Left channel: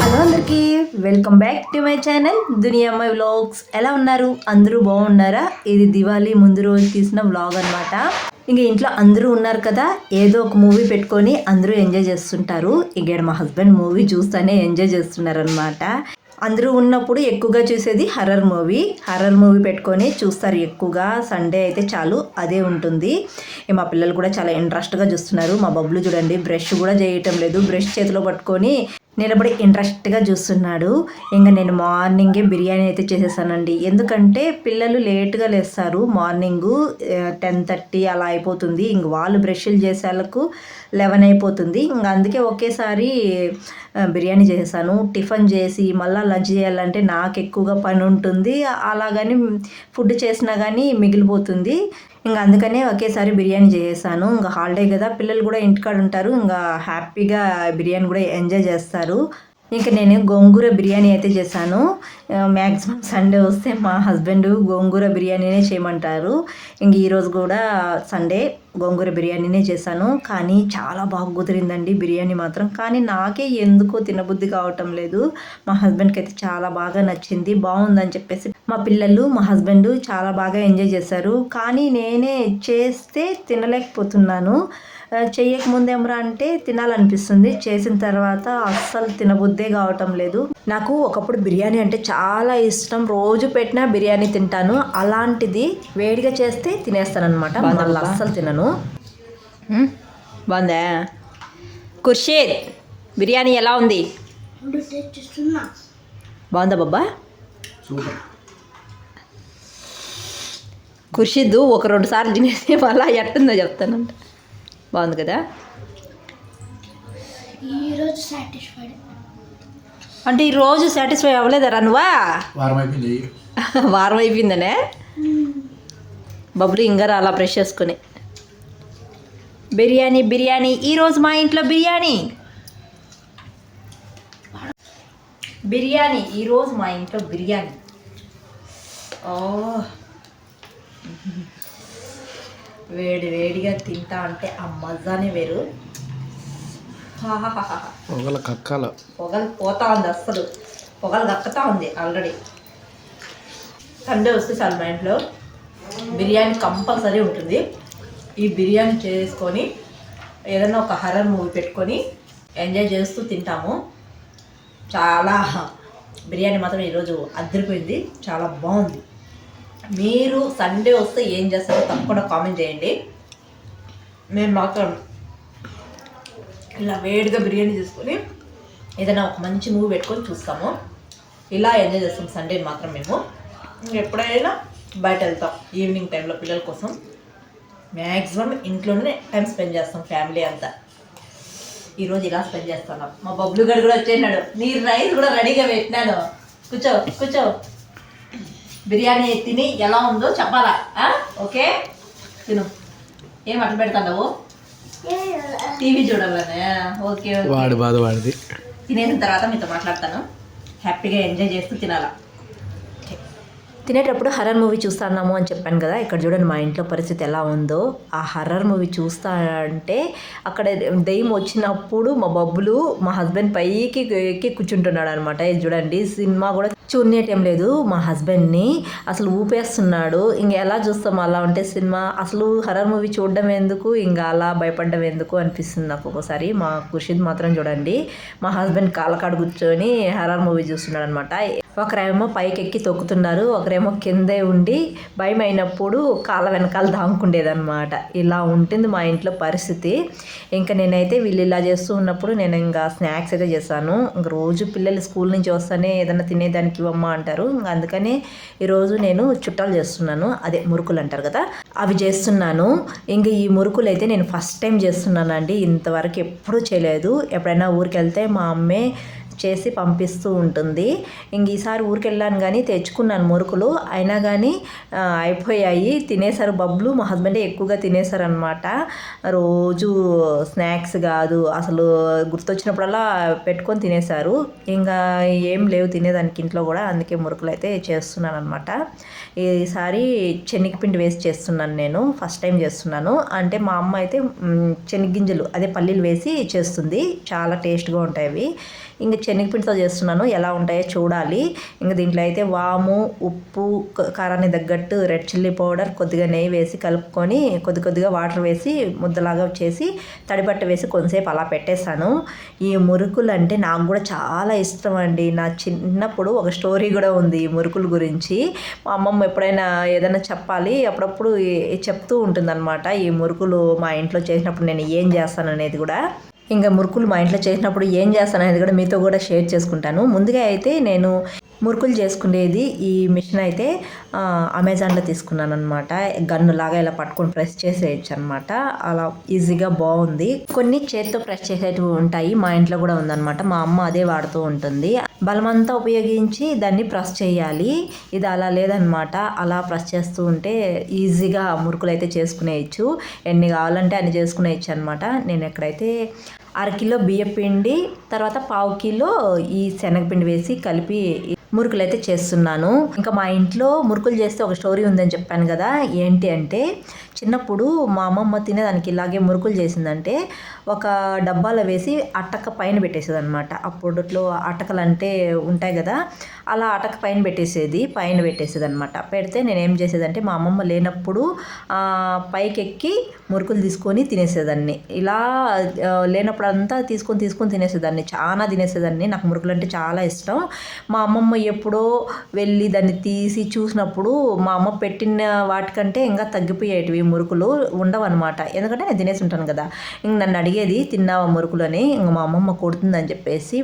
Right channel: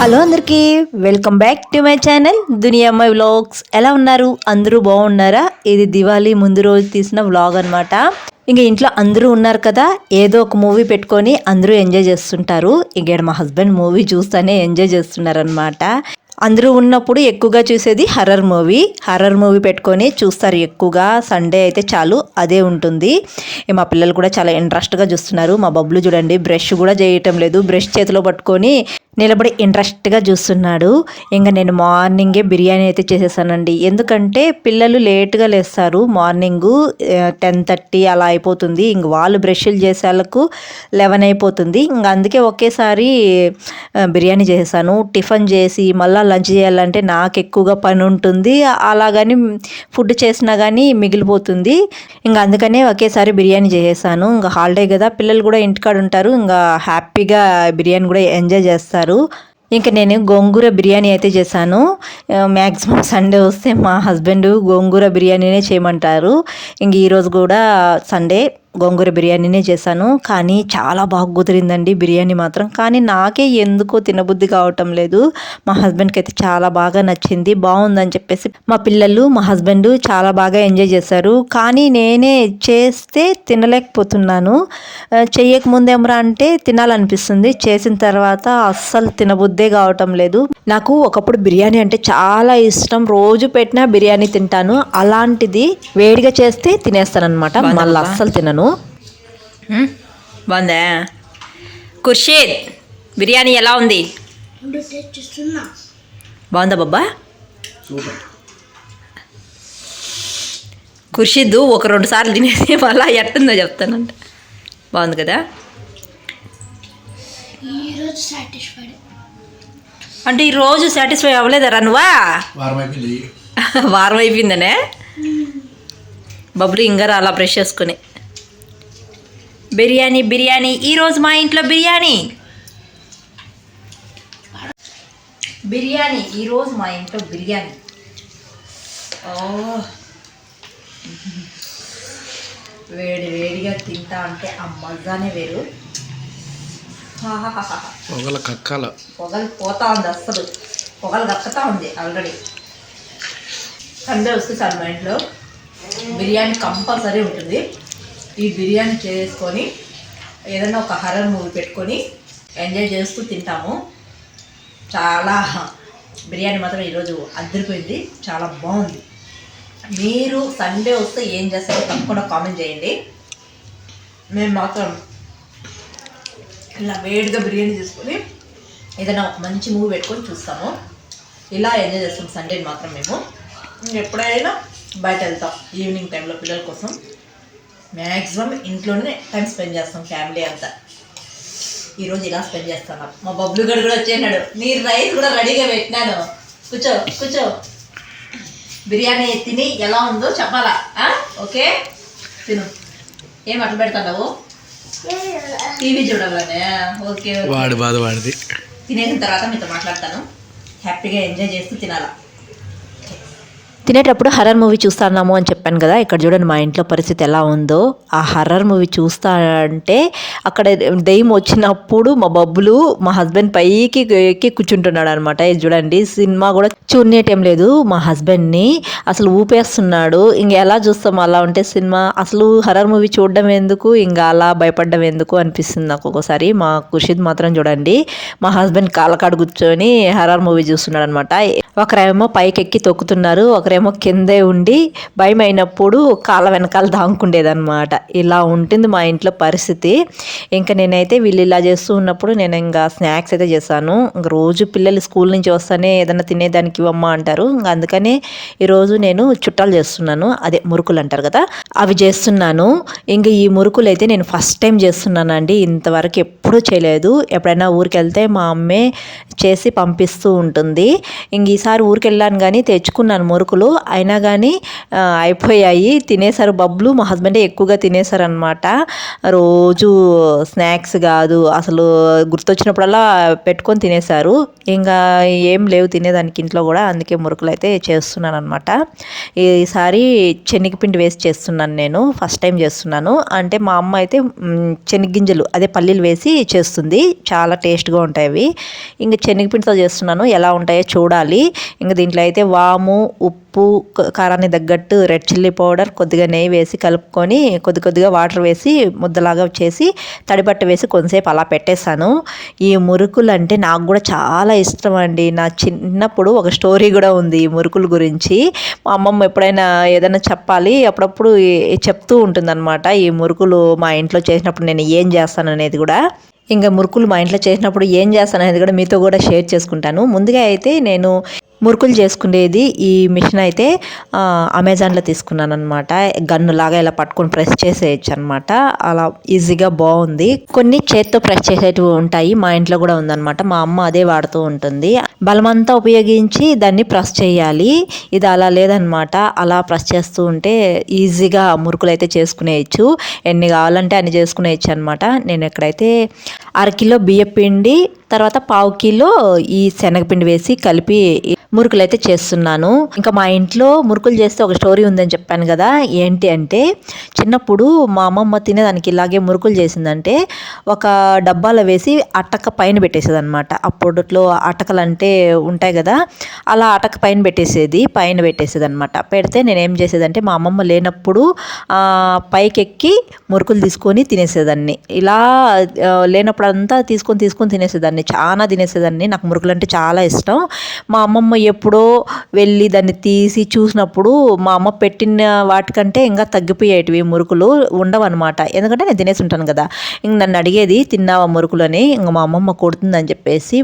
Hello అందరికీ welcome back to my channel దునియా అమ్మాయి vlogs. ఎలా ఉన్నారు? అందరూ బాగున్నారా? ఇది దివాళీ ముందు రోజు తీసిన వ్లాగ్ అనమాట. ఇంక ఇంట్లో అందరూ ఉన్నారు కదా, ఏదో ఒక మూవీ పెట్టుకొని అందరూ ఎంజాయ్ చేస్తుంటారు. ఇంక మా హస్బెండ్ మూవీ చూస్తూనే ఎంజాయ్ చేస్తున్నారు అనమాట. అందరూ ఉన్నప్పుడు ఎక్కువగా చూసేది హర్రర్ మూవీ పెట్టుకొని చూస్తారు ఎక్కువగా. సండే అయితే చాలు అదే ఉంటుంది. మా పిల్లలు కూడా చాలా ఇంట్రెస్ట్గా చూస్తున్నారు. మా బబ్బులు చూడండి, బ్రష్ కూడా చేయటం లేదు, బ్రష్ చేతిలో పట్టుకొని నిలబడి ఇంట్రెస్ట్గా చూస్తున్నాడు. ఇంకా నేను మార్నింగే బిర్యానీ అయితే చేసేసానండి. ఎందుకంటే పిల్లలు లేట్గా లేస్తారు, మార్నింగు 10:30 అలా అయిపోతుంది. ఇంక వాళ్ళు బ్రష్లు చేసేళ్ళకు 11 అయిపోతుంది. ఇంక అందుకే ఒకేసారి బిర్యానీ చేసేసాను. టిఫిన్ చేసి మళ్ళీ లంచ్ చేయాలంటే నాకు ఎక్కువగా పని ఉంటుంది. అలాగని ఫుడ్ చేసినా కానీ మిగిలిపోతుంది. ఇంకా అందుకనే ఒకేసారి బిర్యానీ చేసేసాను. ఇంకా హాలిడే కదా, పిల్లలు కూడా ఇంటికాడ ఉంటారు. ఇంకా హ్యాపీగా బిర్యానీ కూడా ఎంజాయ్ చేస్తారు. ఇంకా నేను గోంగూర బిర్యానీ అయితే చేశాను. మ్యాక్సిమం సండే వస్తే మా హస్బెండ్ గోంగూర బిర్యానీనే చేయమంటారు. ఇంక ఈరోజు కూడా సండే గోంగూర బిర్యానీనే చేశాను. కానీ చాలా బాగా కుదిరిందండి బిర్యానీ మాత్రం. కానీ నాకే ఎందుకో తినబుద్ధి కావటం లేదు. మా హస్బెండ్కి అయితే చాలా బాగా నచ్చింది, బాగుందని చెప్పేసి మా పిల్లలు మా హస్బెండ్ చాలా బాగా ఎంజాయ్ చేశారు. కానీ నేనే చేస్తే తినలేకపోతున్నాను. చెయ్యకముందేమరా అంటే తినాలనిపిస్తుంది, చేసిన తర్వాత అస్సలు తినబుద్దే కావటం లేదు. నాకు ఒకప్పుడు బిర్యానీ అంటే చాలా ఇష్టం, రోజు పెట్టినా బిర్యానీ తింటాను. అలాంటిది వేడిగా చేస్తే తినేస్తాను అనమాట, మళ్ళీ అస్సలు తినను. బాగుందా ఖుర్షీద్? బిర్యానీ ఎలా ఉంది? బాగుందా బాబా? ఖుర్షీద్ ఒక 2 సార్లు తినేసి మళ్ళీ ఎట్టుందో చెప్తానంట. బాగుంది కదా? అంటే ఈరోజు సాటిస్ఫై అవ్వలేదరా నువ్వా? వారం అయిపోయిందనే బబ్బులు ఇంకా అలా బ్రష్ చేసుకుని బిర్యానీ ఈరోజు మా ఇంట్లో బిర్యానీ ఈరోజు మా ఇంట్లో బిర్యానీ. వేడిగా తింటా అంటే ఆ మజానే వేరు. పొగలు పోతా ఉంది, అస్సలు పొగలు దక్కుతా ఉంది ఆల్రెడీ. సండే వస్తే సార్ మా ఇంట్లో బిర్యానీ కంపల్సరీ ఉంటుంది. ఈ బిర్యానీ చేసుకొని ఏదైనా ఒక హర్రర్ మూవీ పెట్టుకొని ఎంజాయ్ చేస్తూ తింటాము. చాలా బిర్యానీ మాత్రం ఈరోజు అదిరిపోయింది, చాలా బాగుంది. మీరు సండే వస్తే ఏం చేస్తారో తప్పకుండా కామెంట్ చేయండి. మేము మాత్రం ఇలా వేడిగా బిర్యానీ చేసుకొని ఏదైనా ఒక మంచి మూవీ పెట్టుకొని చూస్తాము. ఇలా ఎంజాయ్ చేస్తాం సండే మాత్రం. మేము ఎప్పుడైనా బయట వెళ్తాం ఈవినింగ్ టైంలో పిల్లల కోసం. మ్యాక్సిమం ఇంట్లోనే టైం స్పెండ్ చేస్తాం ఫ్యామిలీ అంతా. ఈరోజు ఇలా స్పెండ్ చేస్తాను. మా బబ్లు గడు కూడా వచ్చేసినాడు. నీ రైస్ కూడా రెడీగా పెట్టినాను, కూర్చో. బిర్యానీ తిని ఎలా ఉందో చెప్పాలా? ఓకే తిను. ఏం అట్లా పెడతావు? టీవీ చూడాలనే. ఓకే, వాడి బాధ వాడిది. తినేసిన తర్వాత మీతో మాట్లాడతాను. హ్యాపీగా ఎంజాయ్ చేస్తూ తినాలా. తినేటప్పుడు హర్రర్ మూవీ చూస్తున్నాము అని చెప్పాను కదా, ఇక్కడ చూడండి మా ఇంట్లో పరిస్థితి ఎలా ఉందో. ఆ హర్రర్ మూవీ చూస్తా అంటే అక్కడ దెయ్యం వచ్చినప్పుడు మా బబ్బులు మా హస్బెండ్ పైకి ఎక్కి కూర్చుంటున్నాడు అనమాట. ఇది చూడండి, సినిమా కూడా చూడనేటం లేదు మా హస్బెండ్ని, అసలు ఊపేస్తున్నాడు. ఇంక ఎలా చూస్తాం అలా ఉంటే సినిమా? అసలు హర్రర్ మూవీ చూడడం ఎందుకు, ఇంకా అలా భయపడడం ఎందుకు అనిపిస్తుంది నాకు ఒక్కోసారి. మా ఖుషీద్ మాత్రం చూడండి, మా హస్బెండ్ కాళ్ళకాడు కూర్చొని హర్రర్ మూవీ చూస్తున్నాడు అనమాట. ఒకరేమో పైకి ఎక్కి తొక్కుతున్నారు, ఒకరేమో ఏమో కిందే ఉండి భయం అయినప్పుడు కాళ్ళ వెనకాల దాంకుండేదన్నమాట. ఇలా ఉంటుంది మా ఇంట్లో పరిస్థితి. ఇంకా నేనైతే వీళ్ళు ఇలా చేస్తూ ఉన్నప్పుడు నేను ఇంకా స్నాక్స్ అయితే చేశాను. ఇంక రోజు పిల్లలు స్కూల్ నుంచి వస్తానే ఏదైనా తినేదానికి ఇవ్వమ్మా అంటారు. ఇంకా అందుకనే ఈరోజు నేను చుట్టాలు చేస్తున్నాను, అదే మురుకులు అంటారు కదా, అవి చేస్తున్నాను. ఇంకా ఈ మురుకులు అయితే నేను ఫస్ట్ టైం చేస్తున్నానండి. ఇంతవరకు ఎప్పుడూ చేయలేదు. ఎప్పుడైనా ఊరికి వెళ్తే మా అమ్మే చేసి పంపిస్తూ ఉంటుంది. ఇంక ఈసారి ఊరికి వెళ్ళాను కానీ తెచ్చుకున్నాను మురుకులు, అయినా కానీ అయిపోయాయి. తినేసారు బబ్లు, మా హస్బెండే ఎక్కువగా తినేసారనమాట. రోజు స్నాక్స్ కాదు అసలు, గుర్తొచ్చినప్పుడల్లా పెట్టుకొని తినేసారు. ఇంకా ఏం లేవు తినేదానికి ఇంట్లో కూడా, అందుకే మురుకులు అయితే చేస్తున్నాను అనమాట. ఈసారి శనగపిండి వేసి చేస్తున్నాను, నేను ఫస్ట్ టైం చేస్తున్నాను. అంటే మా అమ్మ అయితే శనగ్గింజలు అదే పల్లీలు వేసి చేస్తుంది, చాలా టేస్ట్గా ఉంటాయి అవి. ఇంక శనగపిండితో చేస్తున్నాను, ఎలా ఉంటాయో చూడాలి. ఇంకా దీంట్లో అయితే వాము, ఉప్పు, కారాన్ని తగ్గట్టు రెడ్ చిల్లీ పౌడర్, కొద్దిగా నెయ్యి వేసి కలుపుకొని కొద్దిగా వాటర్ వేసి ముద్దలాగా చేసి తడిబట్ట వేసి కొంతసేపు అలా పెట్టేశాను. ఈ మురుకులు అంటే నాకు కూడా చాలా ఇష్టం అండి. నా చిన్నప్పుడు ఒక స్టోరీ కూడా ఉంది ఈ మురుకుల గురించి. మా అమ్మమ్మ ఎప్పుడైనా ఏదైనా చెప్పాలి అప్పుడప్పుడు చెప్తూ ఉంటుందన్నమాట. ఈ మురుకులు మా ఇంట్లో చేసినప్పుడు నేను ఏం చేస్తాను అనేది కూడా. ఇంకా మురుకులు మా ఇంట్లో చేసినప్పుడు ఏం చేస్తాను అనేది కూడా మీతో కూడా షేర్ చేసుకుంటాను. ముందుగా అయితే నేను మురుకులు చేసుకునేది ఈ మిషన్ అయితే అమెజాన్లో తీసుకున్నాను అనమాట. గన్ను లాగా ఇలా పట్టుకొని ప్రెస్ చేసేయచ్చు అనమాట. అలా ఈజీగా బాగుంది. కొన్ని చేత్తో ప్రెస్ చేసేటివి ఉంటాయి, మా ఇంట్లో కూడా ఉందన్నమాట. మా అమ్మ అదే వాడుతూ ఉంటుంది. బలమంతా ఉపయోగించి దాన్ని ప్రెస్ చేయాలి. ఇది అలా లేదనమాట, అలా ప్రెస్ చేస్తూ ఉంటే ఈజీగా మురుకులు అయితే చేసుకునేయచ్చు. ఎన్ని కావాలంటే అన్ని చేసుకునేయచ్చు అనమాట. నేను ఎక్కడైతే అరకిలో బియ్యం పిండి, తర్వాత పావు కిలో ఈ శనగపిండి వేసి కలిపి మురుకులు అయితే చేస్తున్నాను. ఇంకా మా ఇంట్లో మురుకులు చేస్తే ఒక స్టోరీ ఉందని చెప్పాను కదా. ఏంటి అంటే, చిన్నప్పుడు మా అమ్మమ్మ తినేదానికి ఇలాగే మురుకులు చేసిందంటే ఒక డబ్బాలో వేసి అటక పైన పెట్టేసేది అనమాట. అప్పట్లో అటకలు అంటే ఉంటాయి కదా, అలా అటక పైన పెట్టేసేది అనమాట. పెడితే నేను ఏం చేసేదంటే మా అమ్మమ్మ లేనప్పుడు పైకెక్కి మురుకులు తీసుకొని తినేసేదాన్ని. ఇలా లేనప్పుడు అంతా తీసుకొని తినేసేదాన్ని, చాలా తినేసేదాన్ని. నాకు మురుకులు అంటే చాలా ఇష్టం. మా అమ్మమ్మ ఎప్పుడో వెళ్ళి దాన్ని తీసి చూసినప్పుడు మా అమ్మ పెట్టిన వాటికంటే ఇంకా తగ్గిపోయేటివి మురుకులు ఉండవన్నమాట. ఎందుకంటే నేను తినేసి ఉంటాను కదా. ఇంక నన్ను అడిగేది, తిన్నావా మురుకులు అని. ఇంక మా అమ్మమ్మ కొడుతుందని చెప్పేసి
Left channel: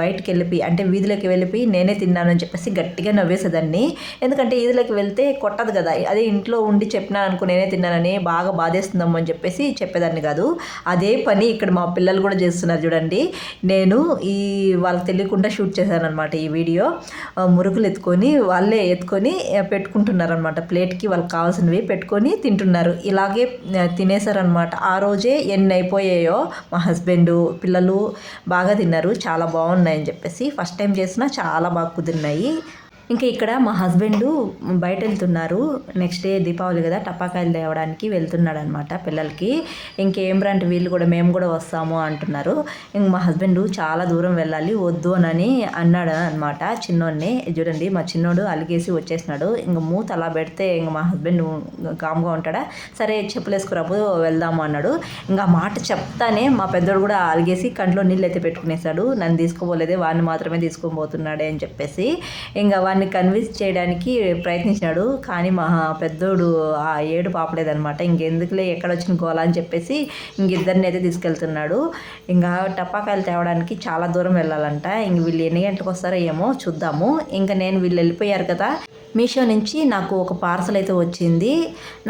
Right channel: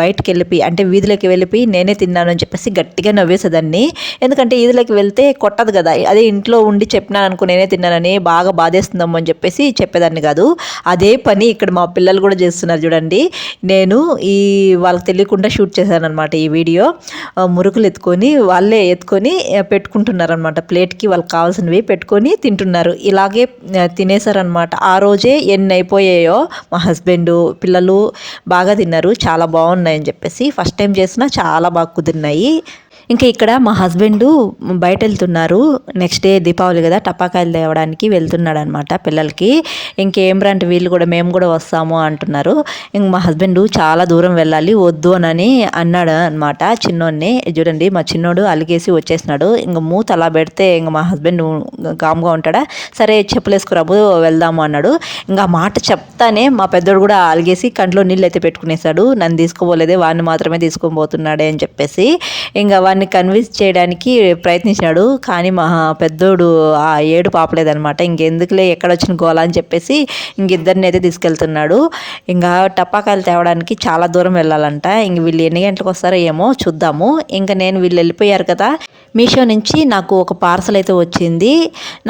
బయటకు వెళ్ళిపోయి, అంటే వీధిలోకి వెళ్ళిపోయి నేనే తిన్నాను అని చెప్పేసి గట్టిగా నవ్వేసేదాన్ని. ఎందుకంటే వీధిలోకి వెళ్తే కొట్టదు కదా, అదే ఇంట్లో ఉండి చెప్పినాను అనుకో నేనే తిన్నానని బాగా బాధేస్తుందమ్మో అని చెప్పేసి చెప్పేదాన్ని కాదు. అదే పని ఇక్కడ మా పిల్లలు కూడా చేస్తున్నారు చూడండి. నేను వాళ్ళకి తెలియకుండా షూట్ చేశాను అనమాట ఈ వీడియో. మురుకులు వాళ్ళే ఎత్తుకొని పెట్టుకుంటున్నారనమాట. ప్లేట్కి వాళ్ళకి కావాల్సినవి పెట్టుకొని తింటున్నారు. ఇలాగే తినేసారనమాట. ఆ రోజే ఎన్ని అయిపోయాయో. మా హస్బెండ్, పిల్లలు బాగా తిన్నారు, చాలా బాగున్నాయని చెప్పేసి. ఫస్ట్ టైం చేసినా చాలా బాగా కుదిరినాయి. ఇంకా ఇక్కడ మా హస్బెండ్ బయట వెళ్తున్నారు. నెక్స్ట్ డే దీపావళి కదా, టపాకాయలు తేవడానికి వెళ్తున్నాడు అనమాట పిల్లలకి. ఇంకేం రంటే వీళ్ళు కూడా మేము కూడా వస్తాము అంటున్నారు. ఇంక మా హస్బెండ్ చాలా దూరం వెళ్ళాలి వద్దు అని అన్నాడు అనమాట చిన్నోడిని. చూడండి మా చిన్నోడు అలిగేసి వచ్చేసినాడు. ఇంక మూత అలా పెడితే ఇంక మా హస్బెండ్ కామ్గా ఉంటాడా, సరే చెప్పులేసుకురాబు వెళ్దాము అన్నాడు. ఇంకా ఆ మాట చెప్తానే మా పెద్దోడు కూడా అలిగేసి కంట్లో నీళ్ళు అయితే పెట్టుకునేసాడు. నన్ను తీసుకోపోలేదే, వాడిని మాత్రమే తీసుకొని పోతున్నాడే అని చెప్పేసి. ఇంకా కన్విన్స్ చేయడానికి ప్రయత్నించాడు, కానీ మా పెద్దోడు ఆ ఏడు పాపలేదనమాట. ఇంకెందుకులే ఎక్కడొచ్చిన గోలా అని చెప్పేసి ఇంకిద్దరిని అయితే తీసుకెళ్తున్నాడు. ఇంకా టపాకాయలు తేవడానికి చాలా దూరం వెళ్ళాలంట. ఇంక వీళ్ళు ఎన్ని గంటలకు వస్తారో ఏమో చూద్దాము. ఇంకా వీళ్ళు వెళ్ళిపోయారు కదా, మీషో నుంచి నాకు ఒక పార్సల్ అయితే వచ్చింది.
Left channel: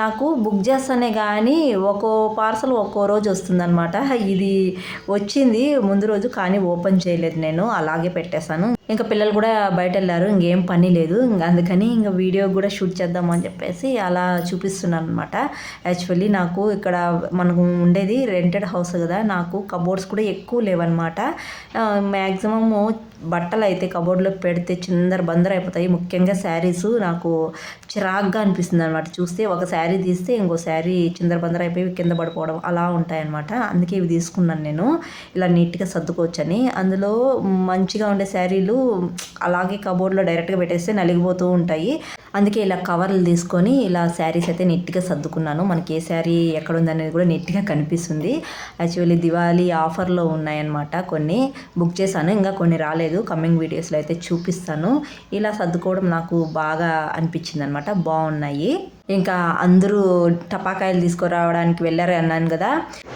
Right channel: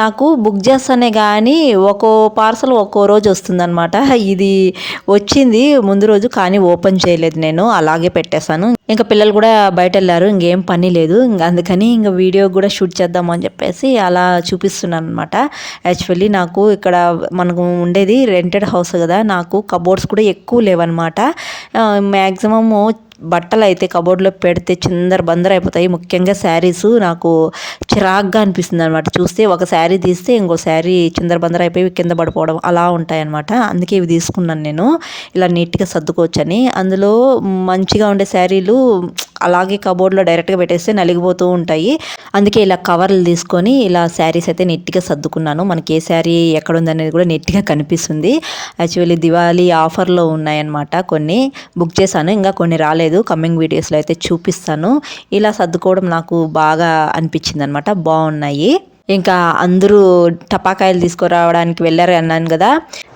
నాకు బుక్ చేస్తానే కానీ ఒక్కో పార్సల్ ఒక్కో రోజు వస్తుందన్నమాట. ఇది వచ్చింది ముందు రోజు, కానీ ఓపెన్ చేయలేదు నేను, అలాగే పెట్టేశాను. ఇంకా పిల్లలు కూడా బయట వెళ్ళారు, ఇంకేం పని లేదు. ఇంకా అందుకని ఇంకా వీడియో కూడా షూట్ చేద్దాము అని చెప్పేసి అలా చూపిస్తున్నాను అనమాట. యాక్చువల్లీ నాకు ఇక్కడ మనకు ఉండేది రెంటెడ్ హౌస్ కదా, నాకు కబోర్డ్స్ కూడా ఎక్కువ లేవన్నమాట. మ్యాక్సిమము బట్టలు అయితే కబోర్డ్లో పెడితే చిందర బందర అయిపోతాయి. ముఖ్యంగా శారీస్ నాకు చిరాగ్గా అనిపిస్తుంది అనమాట. చూస్తే ఒక శారీ తీస్తే ఇంకో శారీ చిందర బందర అయిపోయి కింద పడిపోవడం అలా ఉంటాయన్నమాట. అందుకే ఇవి తీసుకున్నాను నేను, ఇలా నీట్గా సర్దుకోవచ్చని. అందులో మంచిగా ఉండే శారీలు అలాగే కబోర్డ్లో డైరెక్ట్గా పెట్టేస్తే నలిగిపోతూ ఉంటాయి. అందుకే ఇలా కవర్లు తీసుకొని ఇలా శారీస్ అయితే నీట్గా సర్దుకున్నాను. మనకి ఏ శారీ ఎక్కడ ఉందనేది కూడా నీట్గా కనిపిస్తుంది. యాక్చువల్లీ దివాళీ ఆఫర్లో ఉన్నాయన్నమాట. కొన్ని బుక్ చేశాను, ఇంకా కొన్ని రాలేదు. కమింగ్ వీడియోస్లో అయితే చూపిస్తాను. ఇలా సర్దుకోవడం నాకు బాగా అనిపించింది అనమాట. బాగున్నాయి. ఇంకా అందరూ టపాకాయలు తీసుకురావడానికి వెళ్ళారు అన్నాను కదా.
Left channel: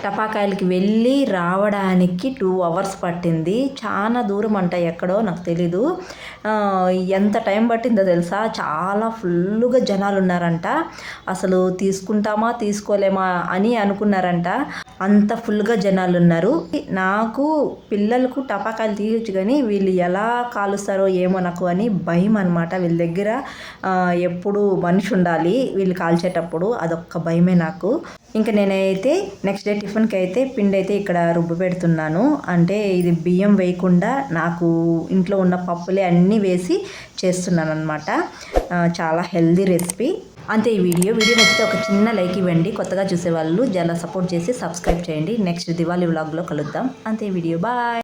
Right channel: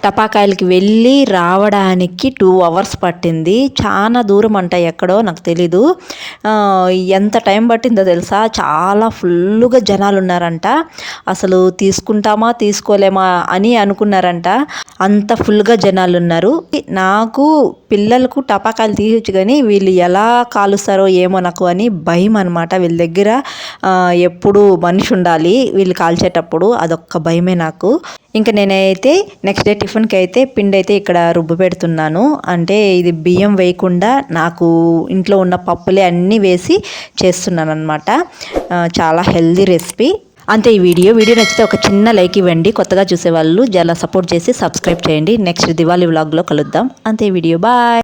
టపాకాయలకి వెళ్ళి రావడానికి 2 hours పట్టింది. చాలా దూరం అంట, ఎక్కడో నాకు తెలీదు. ఎంత టైం పట్టిందో తెలుసా, చాలా ఫుల్గా జనాలు ఉన్నారంట. అసలు తీసుకుంటామా తీసుకోలేమా అని అనుకున్నారంట, అంత ఫుల్గా జనాలు ఉన్నారు. నాకు పిల్లలకు టపాకాయలు తీయచ్చు కానీ వీళ్ళు ఎలా కాలుస్తారో ఏమో నాకు అని భయం అనమాట. వీళ్ళ దగ్గర ఎప్పుడు మనిషి ఉండాలి వీళ్ళు కాల్చేటప్పుడు, అదొక్క భయమే నాకు. ఇంకా నేనైతే నెక్స్ట్ డే టిఫిన్కి అయితే పిండి అయితే ఇక్కడ రుబ్బు పెడుతున్నాను. అంటే ఇది బియ్యం వేయకుండా నాకు ఇంట్లో ఉన్న పప్పులే అన్నీ వేసి చేస్తున్నాను అనమాట. చాలా హెల్దీ రెసిపీ. అంతే ఈ వీడియో నచ్చితే ఒక చిన్న లైక్ ఇవ్వండి. కొత్తగా చూసేవాళ్ళు చాలా సపోర్ట్ చేసి సబ్స్క్రైబ్ చేయండి. నెక్స్ట్ దివాళీ వ్లాగ్లో కలుద్దాం. అంతే ఈ వీడియో. బాయ్.